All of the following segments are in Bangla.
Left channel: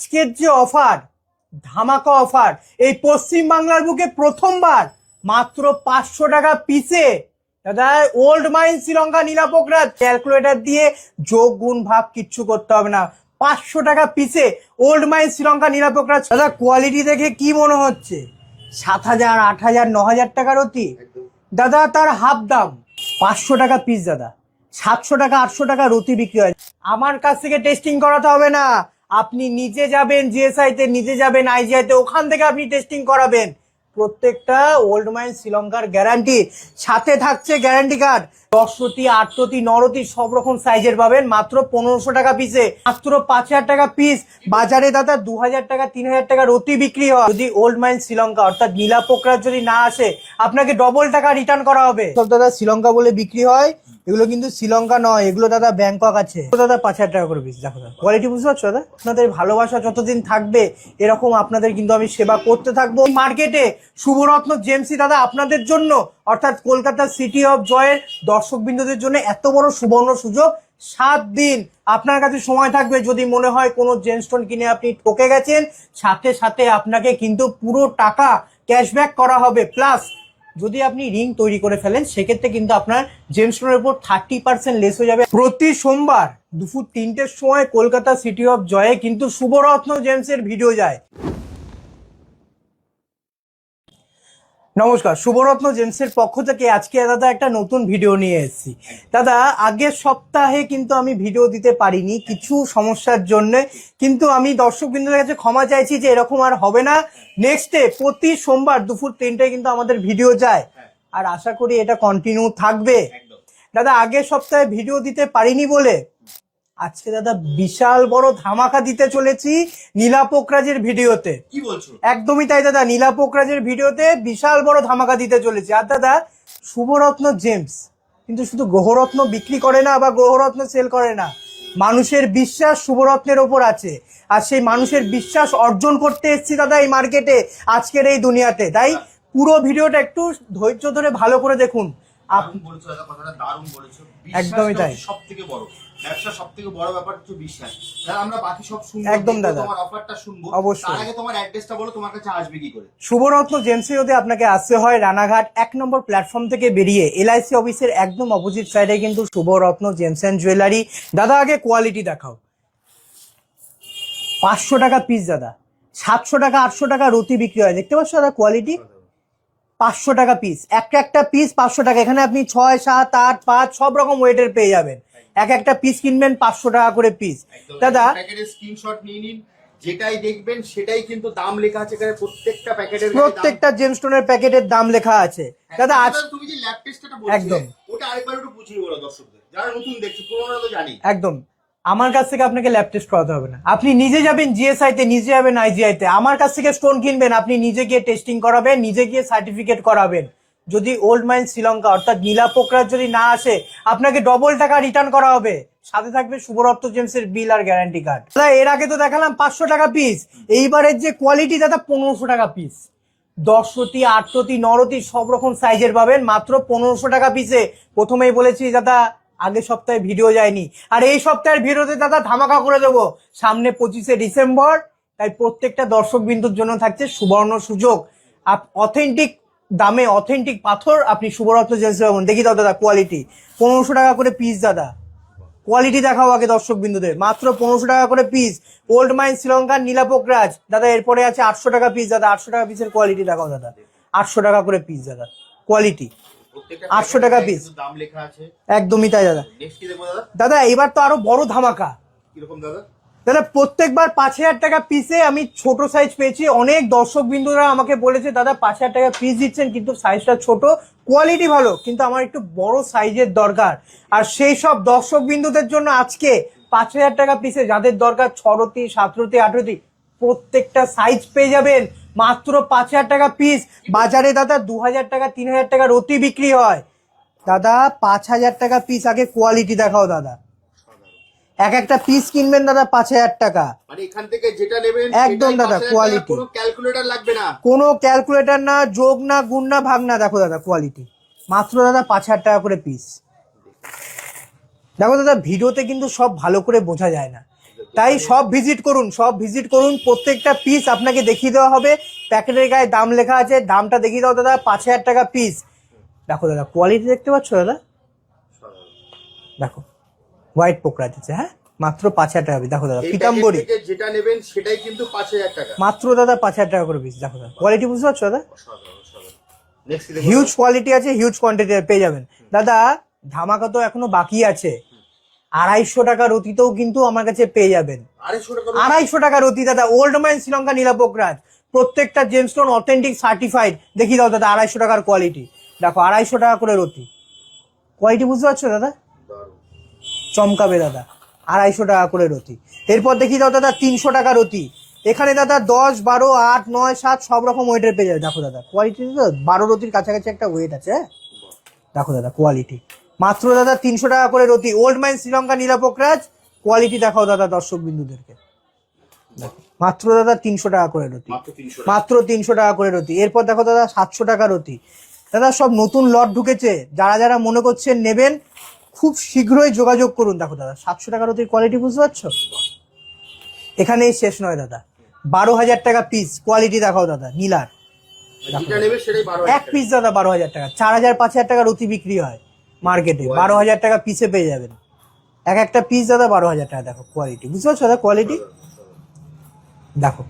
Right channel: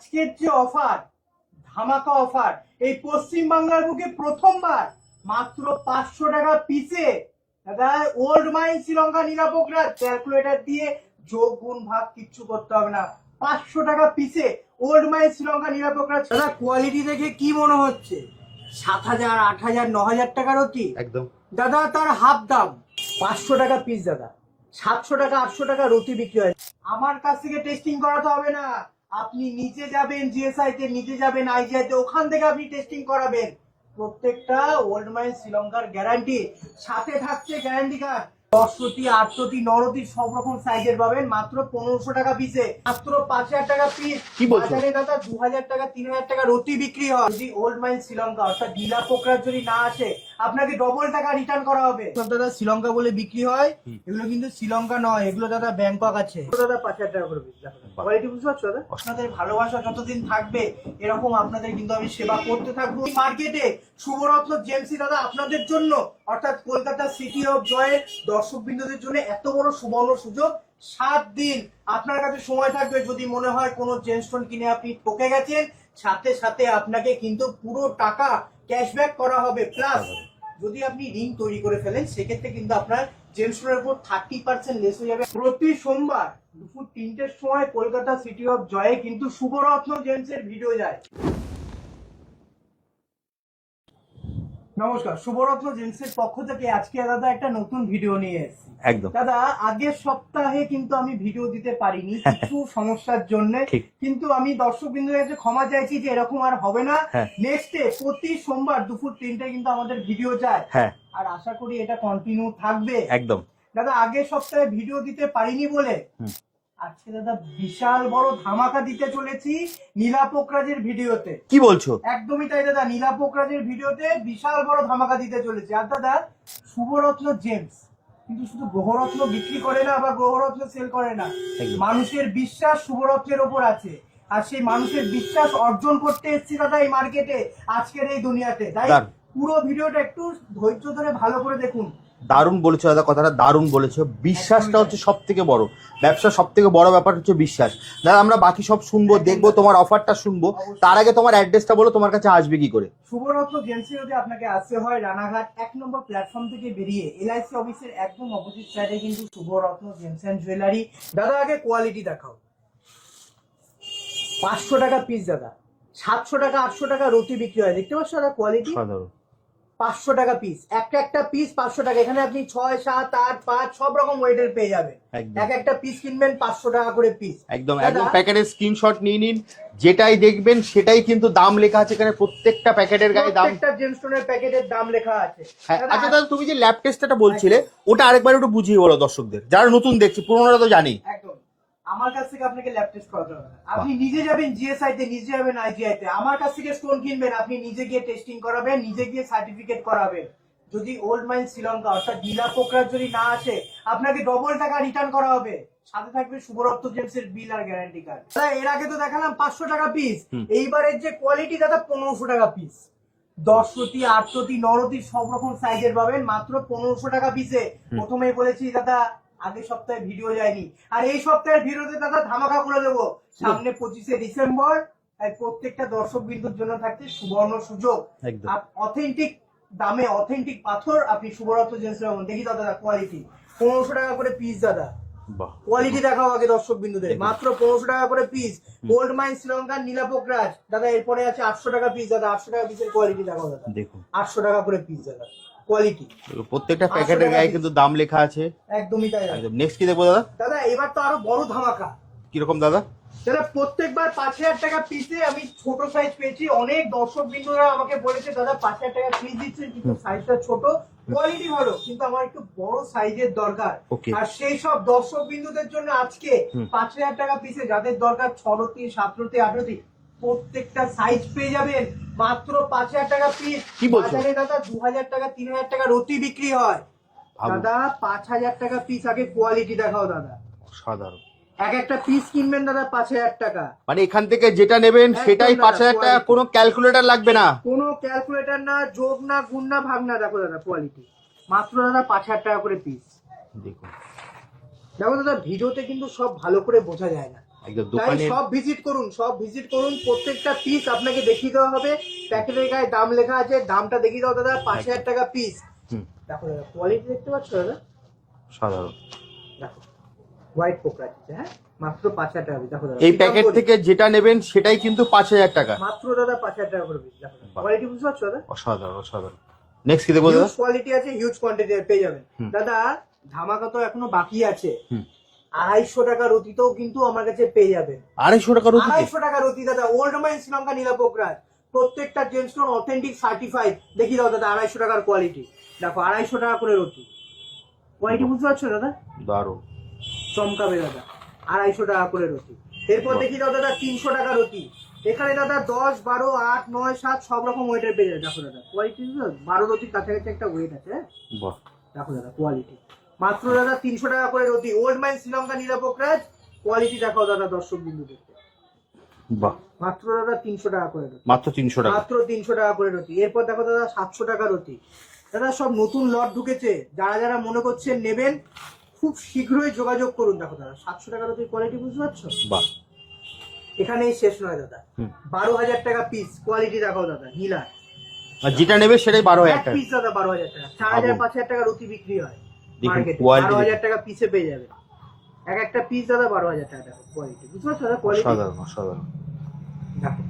আজকের যে অফার ধামাকা অফার এই পশ্চিম বাংলার বুকে প্রথমবার মাত্র পাঁচশো টাকা পিসে দাদা ওল্ড মাইন শ্রীলঙ্কা নীলাপোকরা ক্যালকুলেটর দিয়ে যোগ গুণ ভাগ কিচ্ছু করতে হবে না। পাঁচশো টাকা পিসে ওল্ড মাইন শ্রীলঙ্কা নীলাপোকরা দাদা কোয়ালিটি দেখে কি মনে হচ্ছে? সাত হাজার আট হাজার ন হাজার টাকার অতি? একদম। দাদা তার হাফ দাম। পাঁচশো টাকা পিস দাদা। সাতশো টাকা আটশো টাকা রুটি বিক্রি হয়। আমার কাছ থেকে টেস্টিং করাতে হবে না। আপনি নিজে যাবেন জিএসআই তে নিজে যাবেন আইজিআই তে ওখান থেকে আপনি টেস্টিং করাবেন। প্রত্যেকটা ওল্ড মাইন শ্রীলঙ্কার গ্যারান্টি সাথে থাকছে গ্যারান্টি কার্ড দশরতি আটরতি নরতি সব রকম সাইজের পাবেন। মাত্র পনেরোশো টাকা পিসে মাত্র পাঁচ হাজার টাকা পিস বাজারে দাদা দু হাজার টাকা তিন হাজার টাকা রতি বিক্রি হয়। যদি ওল্ড মাইন শ্রীলঙ্কা অর্থাৎ নীলা যদি না আসে আপনাকে ডবল টাকা রিটার্ন করা হবে। সব দাদা শ্রীলঙ্কা বলে বিক্রি হয়। এগুলো কিন্তু শ্রীলঙ্কা নয় এগুলো দাদা ব্যাংকক আছে। দাদা পাঁচ হাজার টাকা করে পিস দেখো কোয়ালিটি বুঝতে পারছ দাদা? আপনাদের ভালোবাসা যতদিন থাকবে এরকম আপনাদের কিন্তু আমি সেবা করতে থাকব। মার্কেটে শুভরত্ন জেমসি দাদা আপনাদের জন্য, অর্থাৎ কলকাতা সিটি অফ জয়ের দর্শক বিন্দুদের জন্য এত বড় সুবর্ণ সুযোগ। সাত দিন আপনার কাছে সময় থাকবে, যদি মনে হয় কোনো জেনস্টোন কিনে আপনি ঠকে গেছেন, সাথে সাথে আপনাকে কিন্তু পুরো টাকা ক্যাশব্যাক করা হবে। প্লাস যদি আপনি রিং তৈরি করে ফেলেন, সেক্ষেত্রে কিন্তু আপনার জেমস্টোনের উপর থার্টি পার্সেন্ট লেস হয়ে যাবে। প্রতি সোমবার দুপুর তিনটের সময় কলকাতা সিটি অফ জয়ে কিন্তু শুভরত্ন জেমসের ভিডিও যায়। নমস্কার শুভরত্ন জেমসের পক্ষ থেকে আজকে দাদা একটা নতুন ভিডিও নিয়ে এসেছি। দাদা আগের সপ্তাহে কিন্তু আমি ভিডিও দিতে পারিনি কিছু সমস্যার জন্য। কিন্তু আমি দর্শক বিন্দুদের কাছে ক্ষমা চাইছি যে এরকম আর হবে না। হ্যাঁ। নেক্সট ডে প্রতি সোমবার দুপুর তিনটায় কিন্তু আমাদের ভিডিও যায়। হ্যাঁ। আর আশা করি এটা কন্টিনিউ থাকবে। একদম। দাদা আগের সপ্তাহে ভিডিও দিতে পারিনি বলে। আজকে দাদা বিশাল বড় ধামাকা দিতে চলেছি নীলা পোকরাজের ভিডিওতে। কি বলছো? একদমই তাই দাদা নীলা পোকরাজের ভিডিওতে বিশাল বড় ধামাকা দিতে চলেছে। আর দাদা শুভরত্ন জেমস কিন্তু শুধু গ্রহরত্ন বিক্রি করে না বা গ্রহরত্ন সেল করে না মানুষের বিশ্বাস শুভরত্নের ওপর আছে। আর সেই মানুষের বিশ্বাস অর্জন করতে এসেছি দাদা এই মার্কেটে আজকের এই দুনিয়াতে। তাই পুরো ভিডিওটা একটু ধৈর্য ধরে ভালো করে দেখুন। দারুণ বলেছ দাদা কথাটা দারুণ বলেছ। বিশ্বাসটা হচ্ছে সব থেকে বড়। ব্যবসা সব থেকে বড় ব্যাপার হচ্ছে বিশ্বাস। দাদা আমরা বাকি সব শুনব দেখব তোমার অফারটা শুনব। তার আগে তোমার অ্যাড্রেসটা বলো তোমার কাছে আসবে কি করে? শুভরত্ন জেমসি যদি আপনাকে আসতে হয় রানাঘাট এক নম্বর প্ল্যাটফর্ম থেকে বেরিয়ে এলআইসি অফিসের একদম অপোজিট সাইডে কিন্তু শুভরত্ন জেমস অ্যান্ড জুয়েলারি। দাদা আগে কোয়ালিটি দেখাও। পাঁচশো টাকা পিস দাদা। সাতশো টাকা আটশো টাকা রুটি বিক্রি হয়। দেখতে পাচ্ছ দাদা কোয়ালিটি সাধারণ। পাঁচশো টাকা পিস একটা একটা পিস পাঁচশো টাকা। এখানে আপনি ছয় সাত আট পাঁচ সব রকম ওয়েটের পেয়ে যাবেন। এক একটা পিস কিনবেন পাঁচশো টাকা করে পিস একদম। দাদা প্যাকেটের স্ক্রিনশট নিয়ে নিন। যেটাই দেখবেন সেটাই কিন্তু দাম লেখা আছে এখানে প্রত্যেকটা প্যাকেটের প্রত্যেকটা জেমস্টোনের প্যাকেটের দাম লেখা আছে। হ্যাঁ, দাদা আচ্ছা, তুমি যে ল্যাব টেস্টটা বলছিলে ওটা আরেকবার একটু বুঝিয়ে বলো দর্শকদের। যারা নতুন দেখছে পুরোনোরা তো জানি একদম। আমার কাছ থেকে আপনাকে ল্যাব টেস্ট করাতে হবে না। আপনি নিজে যাবেন জিএসআই তে নিজে যাবেন আইজিআই তে। আমার কাছ থেকে স্টোন কিনবেন আপনি নিজে গিয়ে টেস্টিং করাবেন নিজে গিয়ে সার্টিফিকেট করাবেন। যদি ওল্ড মাইন শ্রীলঙ্কা অর্থাৎ নীলা পোকরা যদি না আসে আপনাকে ডবল টাকা রিটার্ন করা হবে। সাথে থাকবে শুভরত্ন জেমসের বিল আর গ্যারান্টি কার্ড এর আগে তো দেখালাম পাঁচশো টাকা পিস এইবারের যে কোয়ালিটি দাদা পনেরোশো টাকা পিস দশরতি আটরতি নরতি সব রকম সাইজের পাবেন। মাত্র পনেরোশো টাকা পিসে প্রথমেই বলেছি দাদা আগের সপ্তাহে ভিডিও যায়নি। আর এই সপ্তাহের ভিডিওতে দাদা ধামাকা করে দেবো। সামনে পঁচিশে ডিসেম্বর তাই প্রত্যেকটা দর্শক বিন্দুর জন্য থাকছে সুবর্ণ সুযোগ। অথেন্টিক দামে অথেন্টিক পাথর আপনি শুভরত্ন জেন্সে পাবেন। দেখি দাও দাদা কোয়ালিটি পনেরোশো টাকা করে পিস দাদা। কোয়ালিটি দেখাও আগে দর্শক বিন্দুদের মাত্র পনেরোশো টাকা করে পিস ওল্ড মাইন শ্রীলঙ্কার নীলাপোকরাজ দাদা এরপরে আছে আটশো টাকা পিস দাদা আটশো টাকা পিসের কোয়ালিটি দেখাও দাদা। আটশো টাকা করে পিস দাদা। কোয়ালিটি প্রত্যেকটা 800 প্যাকেটের টাকা কিন্তু দাম লেখা আছে। একদমই তাই দাদা। নেক্সট কি দেখব দাদা? দাদা এবার তো আরও বড় ধামাকা। কীরকম দাদা? দাদা প্রত্যেকবার পাঁচ হাজার টাকা পিসে আমি ছোট সাইজ পেয়েছি। অনেক দর্শক বিন্দুরা আমাকে বলেছে দাদা পাঁচ হাজার টাকা পিস দিচ্ছেন কিন্তু সাইজটা ছোট। কোয়ালিটি ভালো কিন্তু আমার একটু বড় সাইজের দরকার। আর সেই সব দর্শক বিন্দুদের জন্য আজকে পাঁচ হাজার টাকা পিসে যাদের দরকার ছরতি সাতরতি আঠরতি প্রত্যেকটা সাইজ পেয়ে যাবেন। মাত্র পাঁচ হাজার টাকা পিস বাজারে দাদা দু হাজার টাকা তিন হাজার টাকা রতি বিক্রি হয়। দাদা পাঁচ হাজার টাকা পিস আগে কোয়ালিটি দেখাও দাদা। সাধারণ এক একটা পিস কিনবেন দাদা পাঁচ হাজার টাকা। মানে এখান থেকে যেটা নেবেন সেটাই পাঁচ হাজার কোনো ক্যালকুলেটর লাগবে না। কোনো ক্যালকুলেটর না যোগ না গুণ না ভাগ না দেখো দাদা কোয়ালিটি মাত্র দাদা পাঁচ হাজার টাকা করে পিস দেখো দাদা ভিডিওতে কিন্তু সব ভালো করে বোঝা যায় না। তাই সব ভিজিট করুন সব ভিজিট করুন। প্রত্যেকটা পিস আপনাকে দেখিয়ে দেওয়া হবে। প্যাকেটের গায়ে দাম লেখা আছে দামটা দেখিয়ে দাও দাদা পাঁচ হাজার টাকা পিস। দেখো দাদা কোয়ালিটি দেখতে পাচ্ছ দাদা? সাধারণ। দেখো হোয়াইট পোকরা আছে হ্যাঁ? মাত্র পাঁচ হাজার টাকা দেখো দাদা এই প্যাকেট থেকে যেটা নেবেন সেটাই কিন্তু পাঁচ হাজার টাকা। মাত্র দাদা পাঁচ হাজার টাকা করে পিস দেখো দাদা। কোয়ালিটি বুঝতে পারছ দাদা? অসাধারণ অসাধারণ। নেক্সট কি দেবো হিউজ কোয়ালিটি আছে হিউজ কোয়ান্টিটি পেয়ে যাবেন। দাদা ধামাকা তো এখনও বাকি আছে। আড়াইশো টাকার রতিতেও কিন্তু আমার কাছে পেয়ে যাবেন। আড়াইশো টাকা আড়াইশো টাকার রতি দাদা ওল্ড ম্যান শ্রীলঙ্কা নীলাপোকরাজ প্রত্যেকটা জেমস্টোন অথেন্টিক সার্টিফাইড দেখি দাও দাদা আড়াইশো টাকার কোয়ালিটি দেখো আড়াইশো টাকা করে রতি। কোয়ালিটি বুঝতে পারছ দাদা? দারুণ। চমকাবে দাদা। আড়াইশো টাকা করে রতি। এরপর দেখি দাও দাদা তিনশো টাকা রতি। এখানে দাদা দশ বারো আট নয় সাত সব রকম ওয়েটের পেয়ে যাবে। দেখো দাদা কোয়ালিটি বারো রতির কাছাকাছি একটা ওয়েট আছে হ্যাঁ? দেখো দাদা কোয়ালিটি মাত্র দাদা তিনশো টাকা করে রতি। ওল্ড ম্যান শ্রীলঙ্কা নীলাপোকরাজ কোয়ালিটি দেখাও দাদা দর্শক বিন্দুদেরকে। বাহ। মাত্র দাদা তিনশো টাকা করে রতি। মাত্র তিনশো টাকা। মাত্র তিনশো টাকা করে রতি। এরপর দেখো দাদা সাতশো টাকা রতি। দাদা সব নতুন লট ঢুকেছে। যারা যারা মনে করছেন নেবেন খুব শীঘ্রই যোগাযোগ করুন। দেখো দাদা সাতশো টাকা রতির কোয়ালিটি বুঝতে পারছ? বাহ। এখানেই শেষ নয় দাদা। বারো হাজার টাকা পিস কোয়ালিটি দেখাও দাদা নীলার। যেটা নেবে সেটাই বারো এক পিস দাদা বারো হাজার টাকা। চার হাজার পাঁচ হাজার টাকা রতি বিক্রি হয়। মার্কেটে বারো হাজার টাকা পিসে পেয়ে যাবেন এক একটা পিস দাদা বারো হাজার টাকা দেখো কোয়ালিটি বুঝতে পারছ দাদা কোয়ালিটি দেখো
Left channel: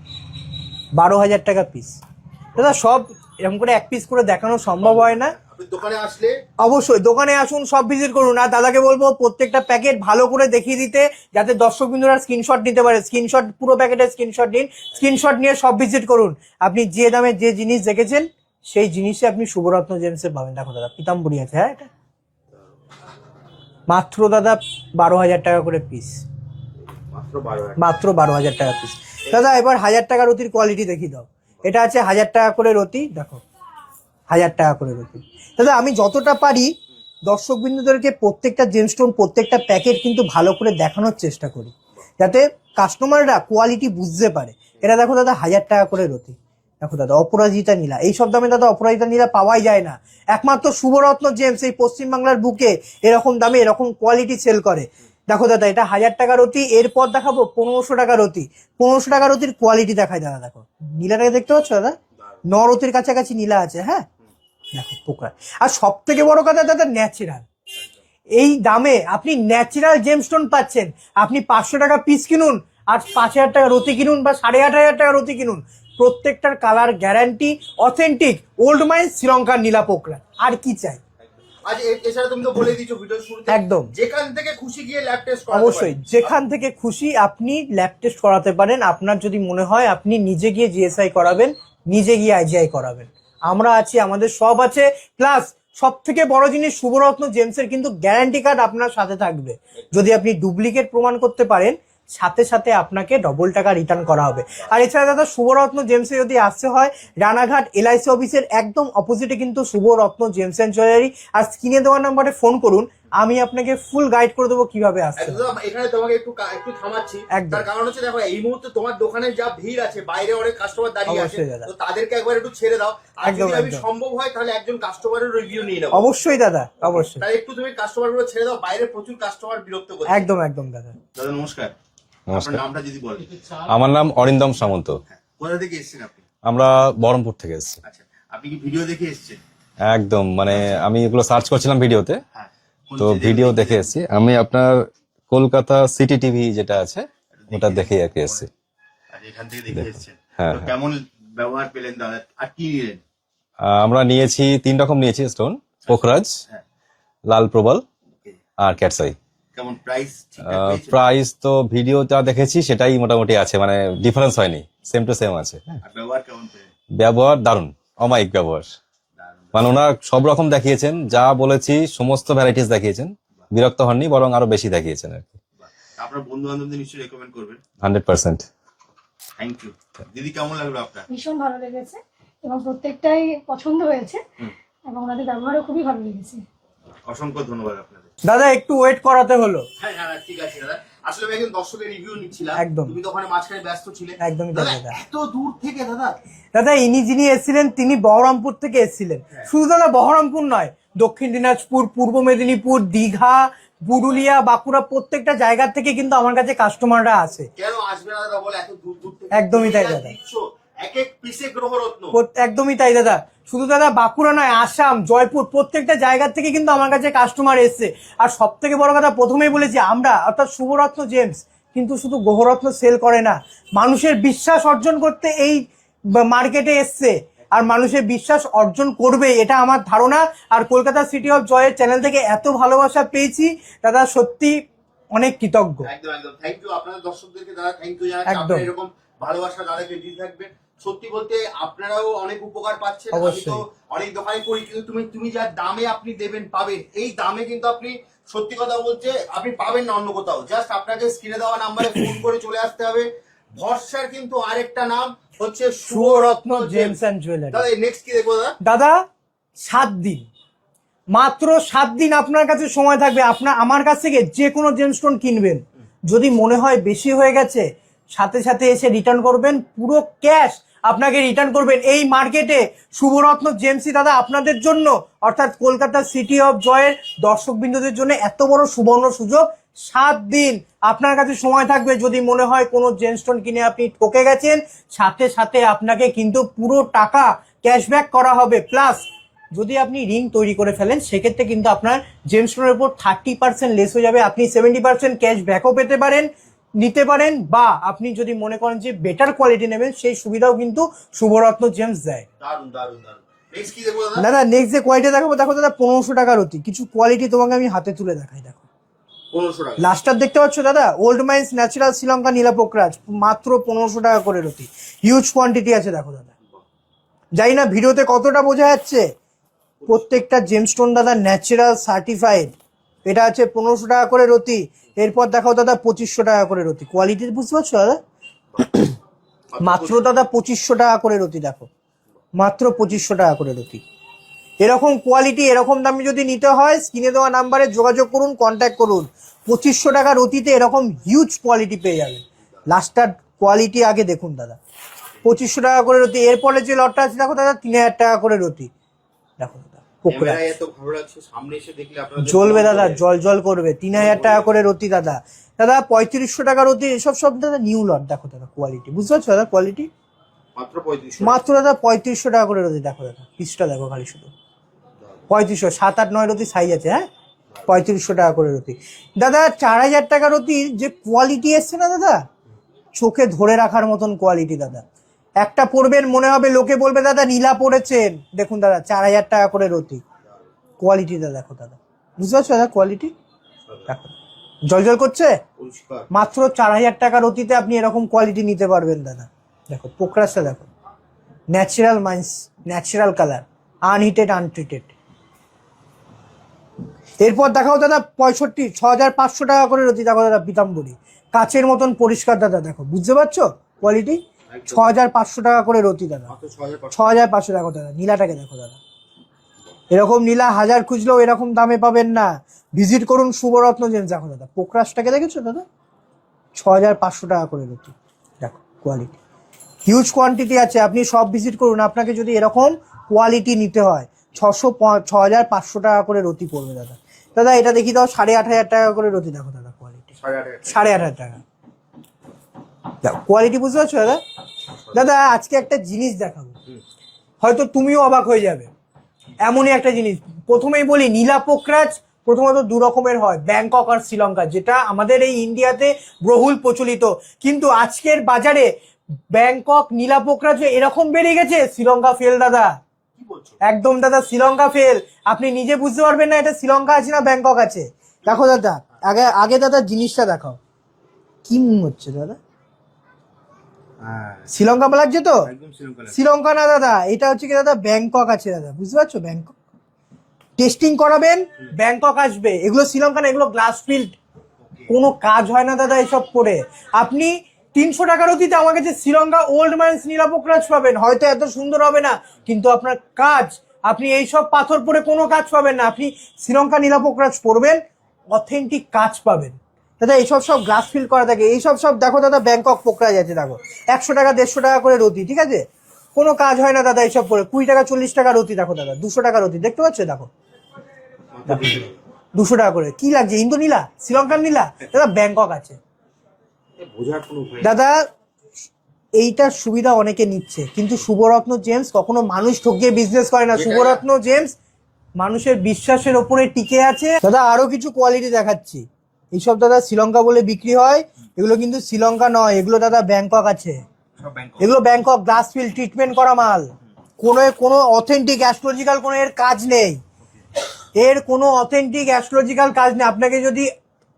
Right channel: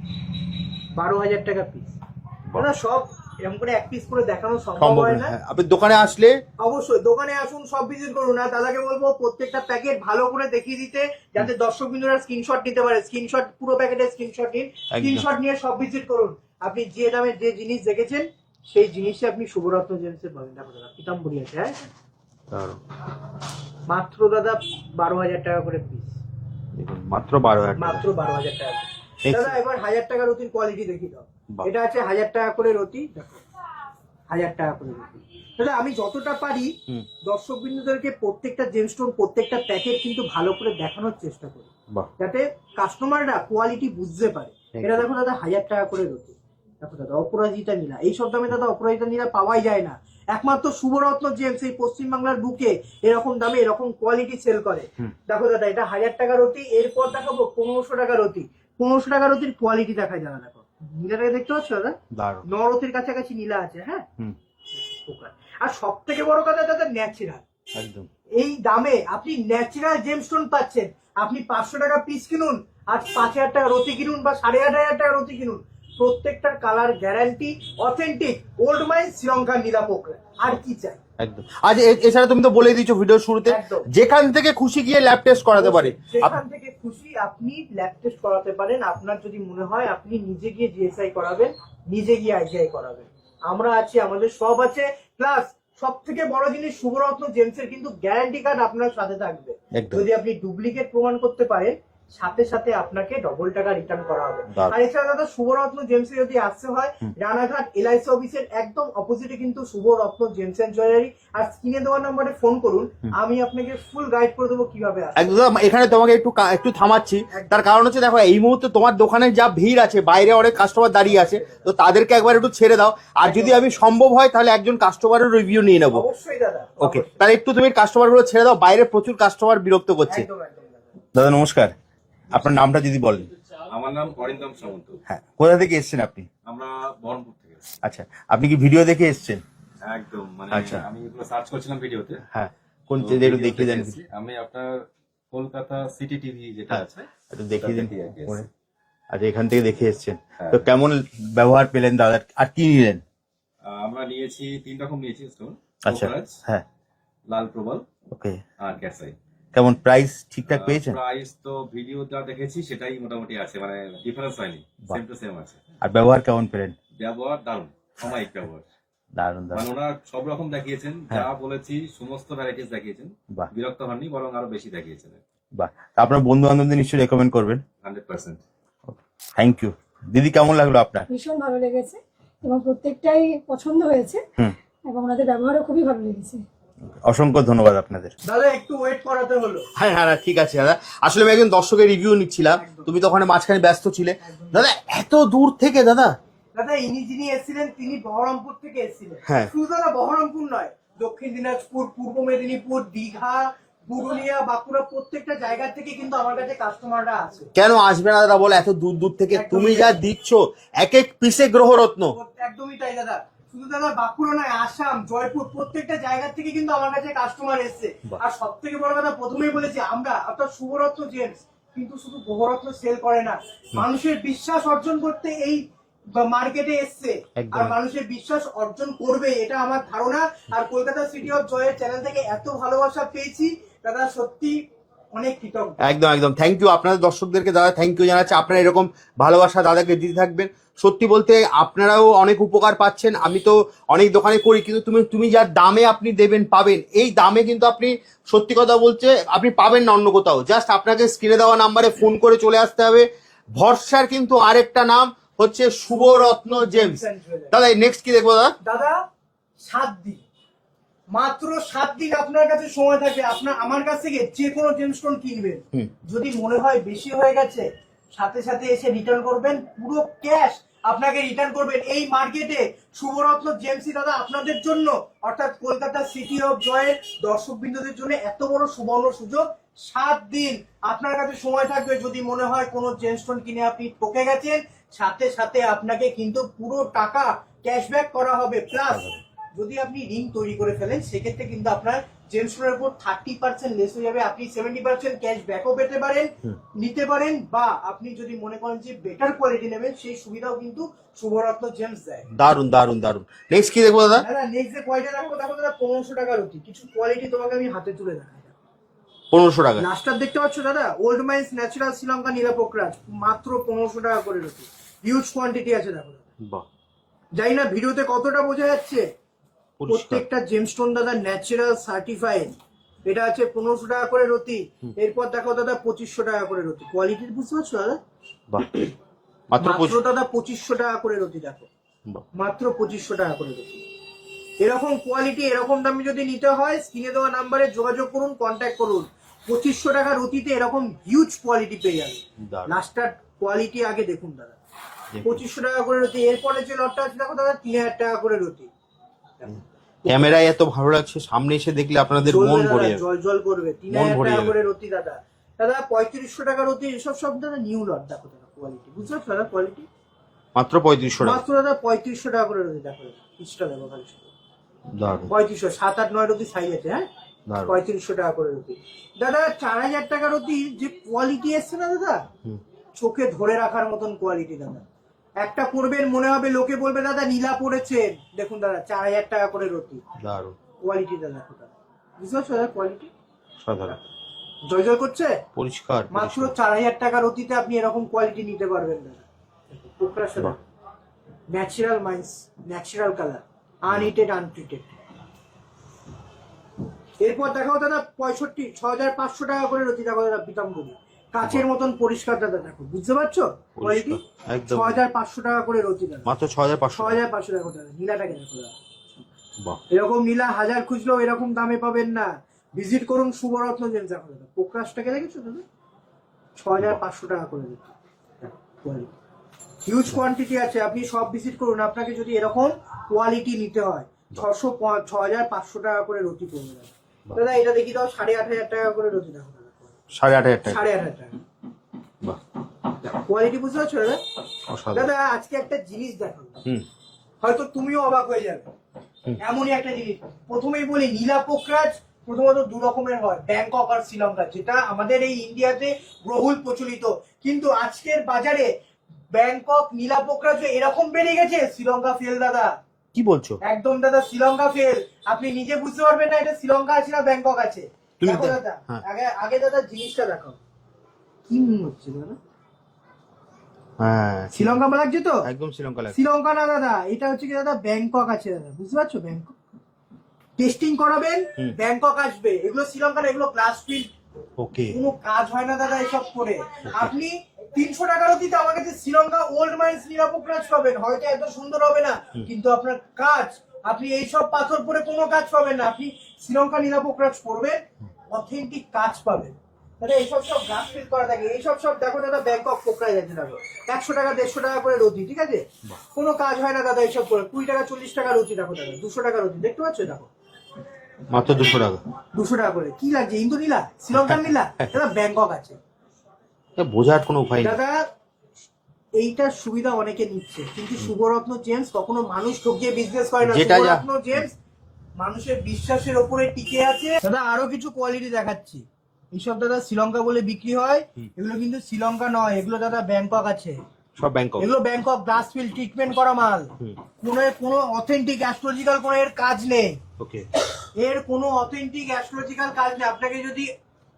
বারো হাজার টাকা পিস দাদা সব এরকম করে এক পিস করে দেখানো সম্ভব হয় না। আপনি দোকানে আসলে অবশ্যই দোকানে আসুন সব ভিজিট করুন। আর দাদাকে বলব প্রত্যেকটা প্যাকেট ভালো করে দেখিয়ে দিতে যাতে দর্শক বিন্দুরা স্ক্রিনশট নিতে পারে। স্ক্রিনশট পুরো প্যাকেটের স্ক্রিনশট নিন। স্ক্রিনশট নিয়ে সব ভিজিট করুন। আপনি যে দামে যে জিনিস দেখেছেন সেই জিনিসই আপনি শুভরত্ন জেমসে পাবেন। দেখো দাদা পিতাম্বরী আছে হ্যাঁ। মাত্র দাদা বারো হাজার টাকা করে পিস মাত্র বারো। মাত্র বারো হাজার টাকা পিস দাদা এবার হাজার টাকা রতির কোয়ালিটি দেখি দাও। এটা আছে হাজার টাকা করে রতি দেখো। হাজার টাকা করে রতি। দাদা আমি যতটা পারি দর্শক বিন্দুদেরকে প্রত্যেকটা জেমস্টোন প্রত্যেকটা প্যাকেট কিন্তু ভালো করে দেখানোর চেষ্টা করি। যাতে কাস্টমাররা কোয়ালিটি বুঝতে পারে। এটা দেখো দাদা হাজার টাকা করে রতি। দেখো দাদা অপরাজিতা নীলা। এই সব দামে দাদা অপরাজিতা নীলা পাওয়াই যায় না। একমাত্র শুভরত্ন জেমস এই পশ্চিমবাংলার বুকে এরকম দামে এরকম কোয়ালিটি সেল করে। দেখো দাদা এটা হাজার টাকার অতি এরপর দেখাবো পনেরোশো টাকার রতি পনেরোশো টাকার রতির কোয়ালিটি দেখায় দাদা দেখো। নীলাটাকে দেখতে পাচ্ছ দাদা? দারুণ। ন রতির কাছাকাছি নীলা আছে হ্যাঁ। দেখো পোকা। আর সব থেকে বড় কথা দাদা ন্যাচারাল এই দামে আপনি ন্যাচারাল জেমস্টোন পাচ্ছেন। আপনি পাঁচশো টাকা পিস কিনুন আর পাঁচ হাজার টাকা রতি কিনুন বা সাড়ে আট হাজার টাকা রতি কিনুন। প্রত্যেকটার colour guarantee authentic old mine শ্রীলঙ্কার নীলা পোকরা। আর কি চাই? একদম। আজ এছাড়া তুমি তো বলে দিচ্ছ ভিডিও শুরুতে একদম। যেখান থেকে খুশি গিয়ে ল্যাব টেস্ট করাতে পারে যেখান থেকে খুশি আপনি ল্যাব টেস্ট করাতে পারেন আপনার যদি মনে হয় আপনি নিজে গিয়ে জিএসআই করাবেন নিজে গিয়ে আইজিআই করাবেন। আমরা আছি আমাদের সব আছে। প্লাস সব থেকে বড় জিনিস শুভরত্ন জেমসের কিন্তু গ্যারান্টি কার্ড আপনার সাথে থাকবে। যদি আপনি ডুপ্লিকেট প্রমাণ করতে পারেন সাথে সাথে আপনাকে ডবল টাকা রিটার্ন করা হবে। আর এছাড়া দাদা শুভরত্ন জেমসে যদি আসতে হয় রানাঘাট এলআইসি অফিসের একদম অপোজিটে কিন্তু শুভরত্ন জেমস এন্ড জুয়েলারি। আর স্ক্রিনে দেওয়া নাম্বারে ফোন করুন আমি আপনাকে ফুল গাইড করে দেবো কীভাবে একদম এখানে তোমাকে একটু একটু থামাচ্ছি। তার কারণ হচ্ছে দেখো এই মুহূর্তে তোমার দোকানে যা ভিড় আছে বাইরে অনেক কাস্টমার দাঁড়িয়ে আছে দাদা। তো তাদেরকে একবার একটু ছেড়ে দাও। আর যদি আমি সম্ভব হয় তাহলে একজন কাস্টমারের রিভিউ নিয়ে নেব। অবশ্যই দাদা অবশ্যই। তাহলে একটু তুমি কাস্টমারগুলো ছেড়ে দাও বাইরে প্রচুর কাস্টমার বিরক্ত করছে। একদম একদম দাদা। দাদা নমস্কার। আপনার নামটা যদি বলেন। আমার নাম অরিন্দম সামন্ত। হ্যাঁ কোথা থেকে এসেছেন আপনি? আমরা বহরমপুর থেকে এসেছি। আচ্ছা আপনি কি ভিডিও দেখে এসেছেন? একদম মানে আমি এগুলো সার্চ করছিলাম ভিডিওতে। হ্যাঁ তো ভিডিও দেখে দেখে দেখে- এসেছি। আমি আপনার কলকাতা সিটি টিভি যেটা আছে ওটা দিন। আর কি এসেছি। আচ্ছা এখান থেকে দেখে এসেছেন। হ্যাঁ, তো হ্যাঁ। কেমন ব্যবহার পেলেন দাদা? আর কি নিলেন? আমরা নিয়েছি তিন রকম নিয়েছি স্টোন আচ্ছা। পোখরাজ হ্যাঁ। লাল প্রবাল ওকে। আর ক্যাটসাই। কেমন প্রাইস ঠিকঠাক পেয়েছেন? প্রাইস তো ভিডিওটা দেখেছি সেটাই মোটামুটি আছে মানে ডিফারেন্স হয়নি সেম টু সেম আছে। আর ব্যবহার কেমন পেলেন? ব্যবহার দারুণ অমায়িক ব্যবহার। মানে ওনারা সব রকম দেখিয়েছেন যা বলেছি সমস্ত ভ্যারাইটিস দেখিয়েছেন বিরক্ত হননি বরং আরও বেশি দেখিয়েছেন আর কি। বাহ। তা আপনার বন্ধু বান্ধবদের নিশ্চয়ই রেকমেন্ড করবেন। Hundred percent. থ্যাংক ইউ দিদি কেমন লাগল আপনার? ভীষণ ভালো লেগেছে এবং প্রত্যেকটাই পছন্দ হয়েছে হুম। এবং ওনাদের ব্যবহারও খুবই ভালো লেগেছে। অসংখ্য ধন্যবাদ আপনাদের। দাদা একটু ওয়েট করাতে হলো। হ্যাঁ হ্যাঁ ঠিক আছে দাদা। আসলে আমি একজন দর্শকের রিভিউ নিচ্ছিলাম। তুমি তো ওখানে মাঝখানে ব্যস্ত ছিলে। দাদা দাদা। এত দূর থেকে দাদা? দাদা ইনি যিনি এসেছিলেন তিনি বহরমপুর থেকে এসেছিলেন। হ্যাঁ। শুধু দাদা বহরমপুর নয় দক্ষিণ দিনাজপুর পূর্ব মেদিনীপুর দীঘা পুরুলিয়া বাঁকুড়া প্রত্যেকটা জায়গা থেকে কিন্তু আমার কাছে কাস্টমাররা আসে। কেন আসবে না দাদা বলে এত দূর দূর থেকে? একদমই। দিচ্ছ এক এক পিসে গ্রহরত্ন। একদমই তাই দাদা। শুধু দাদা বাঁকুড়া নয় আসাম জয়পুর প্রত্যেকটা জায়গা থেকে কিন্তু আমার কাছে কাস্টমার এসছে। আর সব থেকে বড় কথা প্রথমেই বলেছি আমরা অর্থাৎ শুভরত্ন জেমস কিন্তু শুধু গ্রহরত্ন সেল করে না মানুষের বিশ্বাস অর্জন করতে এই মার্কেটে এসছে। আর মানুষের বিশ্বাস অর্জন করবে এটা আমার ধারণা। আর কলকাতা সিটি অফ জয়ের চ্যানেল থেকে এত ভালোবাসা পেয়েছি দাদা সত্যি অনেক কৃতজ্ঞ। একদম একদম। থ্যাংক ইউ আপনাদের দর্শকদেরকে দাদা থ্যাংক ইউ জানাচ্ছি। আপনারা এরকম ভালোবাসা দাদাকে দিতে থাকবেন। সত্যি বলতে আপনারাও অনেক উপকার পাচ্ছেন। আমি তো অনেক দোকানে করি কিন্তু তুমি তুমি যার দামে আপনি দেবেন পাবেন এই দামে কিন্তু আপনি সত্যি কথা বলছে আপনি পাবেন না অন্য কোথাও। জাস্ট আপনাকে স্ক্রিনে দেওয়া নাম্বারে ফোন করে চলে আসতে হবে। ভরসার কিন্তু আরেকটা নাম হচ্ছে শুভরত্ন জেমস। দাদা নেক্সট কি দেখব দাদা? দাদা সাত দিন। মাত্র সাত দিন আপনার কাছে সময় থাকবে। আপনার আমার কাছ থেকে যে কোনো জেমস্টোন কিনবেন যদি মনে হয় বেশি হয়ে গেছে সাথে সাথে এসে রিটার্ন করবেন পুরো ক্যাশ আপনাকে রিটার্ন করবেন। এই মার্কেটে শুভরত্ন জেমসি দাদা আপনাদের জন্য অর্থাৎ কলকাতা সিটি অফ জয়ের দর্শক দর্শকবৃন্দদের জন্য এত বড় সুবর্ণ সুযোগ। সাত দিন আপনার কাছে সময় থাকবে। যদি মনে হয় কোনো জেমস্টোন কিনে আপনি ঠকে গেছেন সাথে সাথে আপনাকে কিন্তু পুরো টাকা ক্যাশব্যাক করা হবে। প্লাস যদি আপনি রিং তৈরি করে ফেলেন সেক্ষেত্রে কিন্তু আপনার জেমস্টোনের উপর থার্টি পার্সেন্ট লেস হয়ে যাবে। আপনি সেভেন্টি পার্সেন্ট ক্যাশ ব্যাকও পেতে পারেন নিতে পারেন বা আপনি যদি মনে করেন যে বেটার কোয়ালিটি নেবেন সেই সুবিধাও কিন্তু শুভরত্ন জেমস দেয়। দারুণ দারুণ দারুণ নেক্সট কি দেখব দাদা? দাদা নেক্সট যে কোয়ালিটি দেখাবো দেখো দাদা পনেরোশো টাকার অতি। কিছু কোয়ালিটি তোমাকে আমি হাতে তুলে দেখাই দেখো। পনেরোশো টাকা। লাস্টার দেখতে পাচ্ছ দাদা? ওল্ড মাইন্স ন্যাচারাল শ্রীলঙ্কা নীলাপোকরাজ মাত্র পনেরোশো টাকা করে রতি হিউজ কোয়ান্টিটি আছে দেখো দাদা। বাহ। জানি না ভিডিওতে কতটা বোঝা যাচ্ছে? প্রত্যেকটা জেমস্টোন দাদা ন্যাচারাল সার্টিফাইড এটা আছে পনেরোশো টাকা করে রতি। এরপর দেখাও দাদা পঁচিশশো টাকা করে রতি। কোয়ালিটি বুঝতে পারছ দাদা? মাত্র দাদা পঁচিশশো টাকা করে রতি দেখো। মাত্র পঁচিশশো টাকা করে রতি। এরকম কোয়ালিটি এরকম দামে যদি নিতে হয় স্ক্রিনে দেওয়া নাম্বারে যোগাযোগ করুন কন্ট্যাক্ট করুন। পঁচিশশো টাকা রতিতে এরকম হিউজ কোয়ালিটি পেয়ে যাবেন। লাস্টার কোয়ালিটি আগে দেখুন দাদা। পঁচিশশো টাকা করে রতি। এরপরে যে লটটা আছে দেখো দাদা তিন হাজার টাকা করে রতি। দেখো। ক্যামেরায় এত ভালো লাগছে সামনে এসে দেখলে আপনাদের চলবে দাদা জল জল করবে। তিন হাজার টাকা করে রতি দাদা। দাদা পঁয়ত্রিশশো টাকা রতি এসব সব দাদা নিউ লট দেখো দাদা কোয়ালিটি বুঝতে পারছ দাদা কোয়ালিটি মাত্র পঁয়ত্রিশশো মাত্র দাদা পঁয়ত্রিশশো টাকা করে রতি দেখো দাদা পিসটা দেখো খালি শুধু। পঁয়ত্রিশশো সাত আট নয় রতি সাইজ আছে হ্যাঁ? পঁয়ত্রিশশো টাকা করে রতি। দাদা চার হাজার টাকা রতির যে কোয়ালিটি এসছে না দাদা চোখে ধরে রাখার মতন কোয়ালিটি দাদা। একটা পরবেন মনে হবে লোকে বলবে দাদা নীলা পড়েছেন। দেখুন দাদা চার হাজার টাকা করে রতি। দারুণ। কোয়ালিটিটা দেখো দাদা। বুঝতে পারছ দাদা কোয়ালিটি? জল জল করছে? পরিষ্কার মাত্র চার হাজার টাকার অতিতে আপনি এরকম কোয়ালিটি নিতে পারবেন দাদা। দেখো পোকরাসটা দেখো। Natural mines natural colour unheated untreated. এরপর দেখাও দাদা পঁয়ষট্টি ছ হাজার পাঁচশো টাকা করে রতি দেখো দাদা পিতাম্বরী। কাচের মতন পরিষ্কার দাদা দেখো বুঝতে পারছ? কোয়ালিটি ছ হাজার পাঁচশো টাকা করে রতি দাদা। মাত্র ছ হাজার ছ হাজার পাঁচশো টাকা দাদা নীলাটাকে দেখো দাদা। এরকম নীলা হাজার খুঁজলেও এরকম দামে পাবেন না। ভিজিট করুন শুভরত্ন জেন্স দেখো দাদা পোকরাসটাকে দেখেছ দাদা? ছ হাজার পাঁচশো টাকা করে রতি। দেখো কোয়ালিটি হিউজ কোয়ান্টিটি আছে আপনি সব ভিজিট করুন আপনাকে যদি এরকম কোয়ালিটি নিতে হয় ছশো ছ হাজার পাঁচশো টাকা করে রতি পড়বে দাদা। দাদা এটা দেখি দাও সাড়ে আট হাজার টাকা করে রতি দেখো দাদা। সাড়ে আট হাজার টাকা। সাড়ে আট হাজার টাকা। কোয়ালিটি বুঝতে পারছ দাদা? দাদা আজকে একটা জিনিস দেখাবো। হয়তো তুমিও অবাক হয়ে যাবে। এমনই একটা জিনিস। প্রথমেই বলি নীলা পোকরাজ প্রথমত দু রকমের হয়। ব্যাংকক আর শ্রীলঙ্কা যেটা আমাদের এই ইন্ডিয়াতে বহুল প্রচলিত। কিন্তু আজকের বাজারে ব্যাংকক নীলা পোকরাজ এরকম বেড়ে গেছে। শ্রীলঙ্কা ফেল দাদা। কি বলছো? একদম দাদা শ্রীলঙ্কা ফেল আপনি নিজে বুঝতে পারবেন না এটা শ্রীলঙ্কা আছে না ব্যাংকক আছে। দেখো দাদা হ্যাঁ। আগে আগে দাদা জিনিসটা দেখাও। কি মনে হচ্ছে দাদা? হ্যাঁ। শ্রীলঙ্কা লাগছে তো? একদম শ্রীলঙ্কা শ্রীলঙ্কা না দাদা এটা হচ্ছে কি দাদা ব্যাংকক আছে দাদা বুঝতে পারছ? ব্যাংকক। টেস্টিং করাবেন ব্যাংকক আসবে। এগুলো শ্রীলঙ্কা না এগুলো গ্লাস ফিল্ড ওকে কোনো কাজ হয় না দাদা এসব করে। আপনি তিনশো টাকার অতীতে আমার কাছে শ্রীলঙ্কা ওল্ড মাইন্স নীলাপোকরাজ পাবেন হয়তো এত সুন্দর হবে না কিন্তু আপনার কাজ আপনি এইসব পাথর পরে কোনো কাজ পাবেন না। আপনি শ্রীলঙ্কা নীলাপোকরাজ পরবেন অথেন্টিক কাজ পাবেন। দাদা এইসব সব গ্লাস ফিল করা থাকে। এইসব সব দেখো দাদা ব্যাংকক পোকরাজ আছে দেখো। একশো টাকা দেড়শো টাকা করে রতি ঠিক আছে? কোনো কাজ হয় না দাদা এইসব করে। কুড়ি টাকা চল্লিশ টাকা রতি দেখো দাদা দুশো টাকা রতি দেখতে পাচ্ছ? দেখো। মাত্র দুশো টাকা। দুশো টাকা করে। কি লাগছে? ইন্দো নীলা শ্রীলঙ্কার নীলা? দাদা ব্যাংকক আছে। বোঝার কোনো উপায় দাদা এইটার সুবিধা অনেকে নিচ্ছে। কিন্তু শুভরত্ন জেমস কখনো মানুষ ঠকিয়ে বিজনেস করে না। শুভরত্ন জেমস মানুষের বিশ্বাসের ওপরে টিকে আছে। দাদা আরও কিছু কোয়ালিটি দেখাচ্ছি। এইসব দাদা শ্রীলঙ্কা বলে বিক্রি হয়। এগুলো কিন্তু শ্রীলঙ্কা নয় এগুলো দাদা ব্যাংকক আছে। সব ব্যাংকক। এগুলো ব্যাংকক গ্লাস ফিল ট্রিটমেন্ট করা মাল। কোনো কোনো অথেন্টিক অ্যাস্ট্রোলজিক্যাল কোনো এর কাজ নেই। ওকে। এর কোনো অথেন্টিক অ্যাস্ট্রোলজিক্যাল কাজ নেই। আপনাকে যদি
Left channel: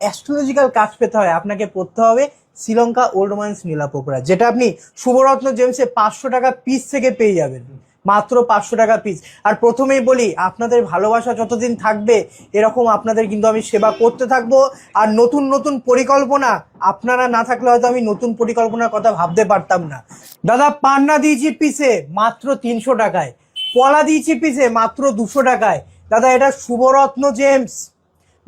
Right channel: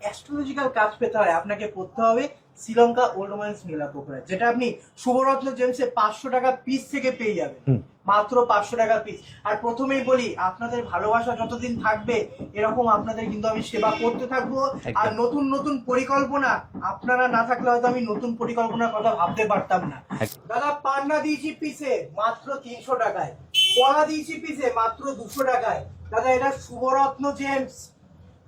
অ্যাস্ট্রোলজিক্যাল কাজ পেতে হয় আপনাকে পড়তে হবে শ্রীলঙ্কা ওল্ড মাইন্স নীলাপোকরা যেটা আপনি শুভরত্ন জেমসে পাঁচশো টাকা পিস থেকে পেয়ে যাবেন। মাত্র পাঁচশো টাকা পিস আর প্রথমেই বলি আপনাদের ভালোবাসা যতদিন থাকবে এরকম আপনাদের কিন্তু আমি সেবা করতে থাকব। আর নতুন নতুন পরিকল্পনা আপনারা না থাকলে হয়তো আমি নতুন পরিকল্পনার কথা ভাবতে পারতাম না। দাদা পান্না দিয়েছি পিসে মাত্র তিনশো টাকায়। পলা দিয়েছি পিসে মাত্র দুশো টাকায়। দাদা এটা শুভরত্ন জেমস।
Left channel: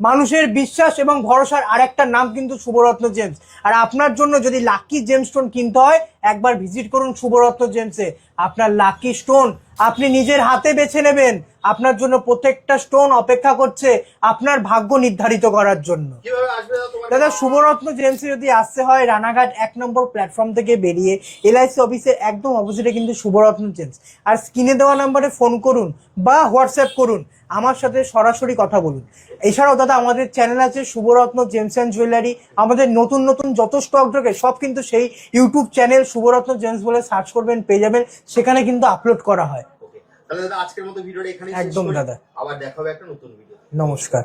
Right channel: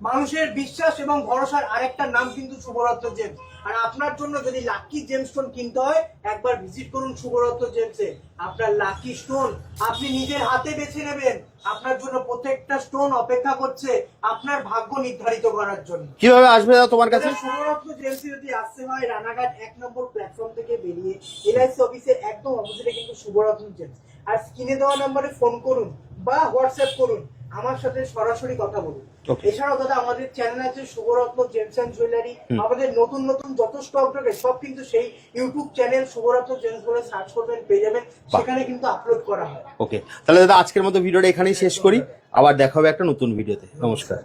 মানুষের বিশ্বাস এবং ভরসার আরেকটা নাম কিন্তু শুভরত্ন জেমস। আর আপনার জন্য যদি লাকি জেম স্টোন কিনতে হয়, একবার ভিজিট করুন শুভরত্ন জেমসে। আপনার লাকি স্টোন আপনি নিজের হাতে বেছে নেবেন। আপনার জন্য প্রত্যেকটা স্টোন অপেক্ষা করছে আপনার ভাগ্য নির্ধারিত করার জন্য। কীভাবে আসবে তোমার দাদা শুভরত্ন জেমসে যদি আসতে হয় রানাঘাট এক নম্বর প্ল্যাটফর্ম থেকে বেরিয়ে এলআইসি অফিসের একদম অপোজিটে কিন্তু শুভরত্ন জেমস। আর স্ক্রিনে দেওয়া নাম্বারে ফোন করুন বা হোয়াটসঅ্যাপ করুন আমার সাথে সরাসরি কথা বলুন। এছাড়াও দাদা আমাদের চ্যানেল আছে শুভরত্ন জেমস অ্যান্ড জুয়েলারি আমাদের নতুন নতুন যত স্টক ঢোকে সব কিন্তু সেই ইউটিউব চ্যানেল শুভরত্ন জেমস বলে সার্চ করবেন পেয়ে যাবেন। সেখানে কিন্তু আপলোড করা হয়। ওকে তাহলে দাদা আজকের মতো ভিডিওটা এখানেই শেষ করি। আবার দেখা হবে একটা নতুন ভিডিওতে। নমস্কার।